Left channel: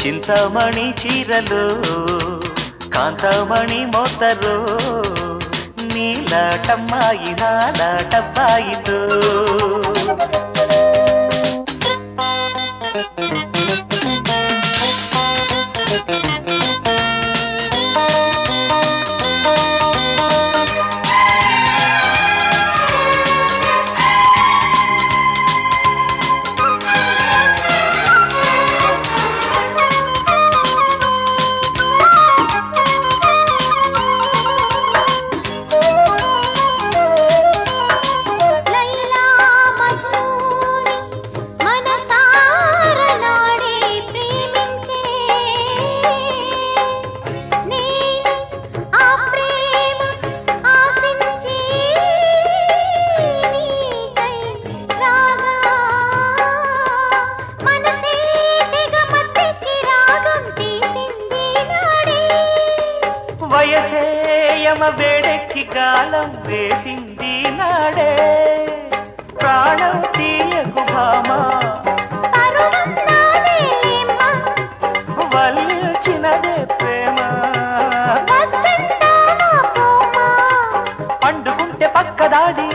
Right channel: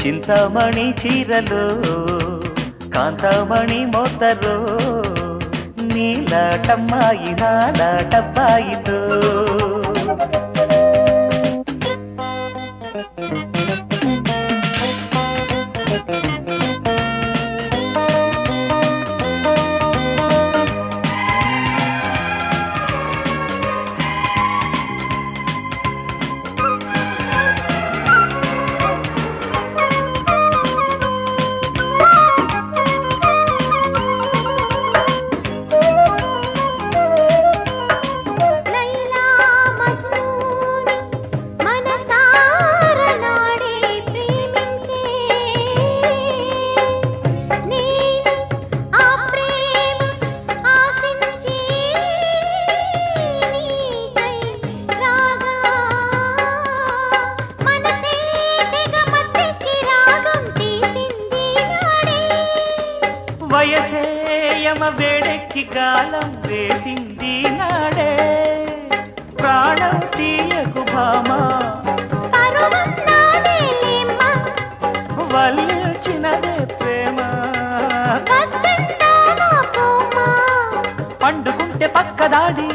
చింతమణి చీరలు కాంతమణి మోతరు నీలాటమ్మాయి నాలాటబ్బాయితో వయసేయమ వేడెక్కి గాలం వేసింది నాడే ప్రాణం తీయకు భామా వల్చినదే ప్రేమ పండుకుంటే పక్కదాడి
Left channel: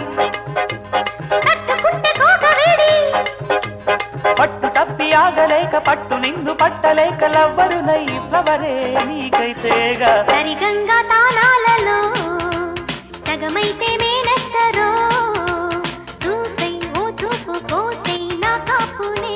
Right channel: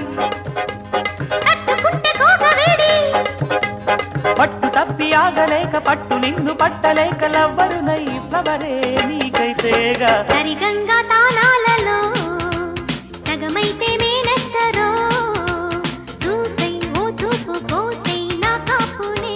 పట్టు తప్పి ఆగలేక పట్టు నిన్ను పట్టలేక లవ్వరునై ఇవ్వవరే నీకైతేగా సరిగంగా తానాలలో సగమైతే నేనెత్తరో చూసై ఓ చూపు పోసై నా కాపునే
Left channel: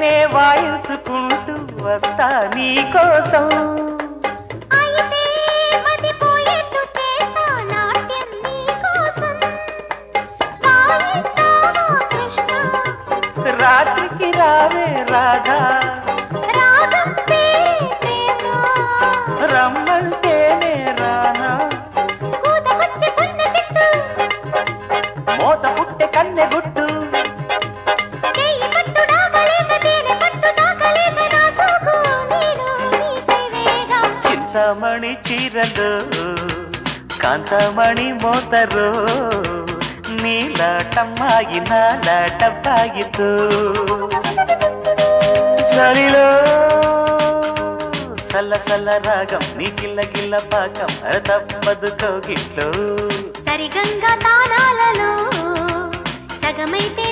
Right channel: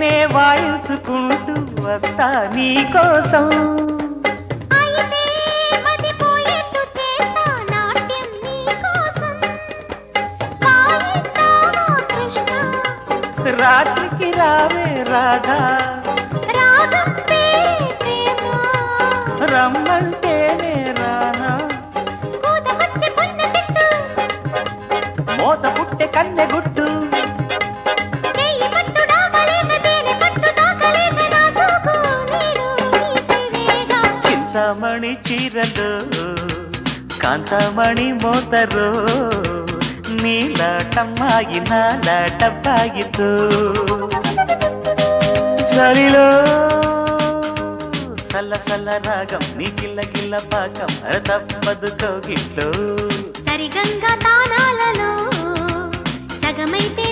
నే వాయించుకుంటూ వస్తా నీ కోసం రాత్రికి రావే రాధా రమ్మంటేనే రానా మోత పుట్టె కన్నె గుట్టు చింతమణి చీరలు కాంతమణి మోతరు నీలాటమ్మాయి నాలాటబ్బాయితో చలిలో సల్ల సల్ల రాగం నీ కిల్ల కిల్ల పాకం తప్పదు కోగిట్లో సరిగంగా తానాలలో సగమైతే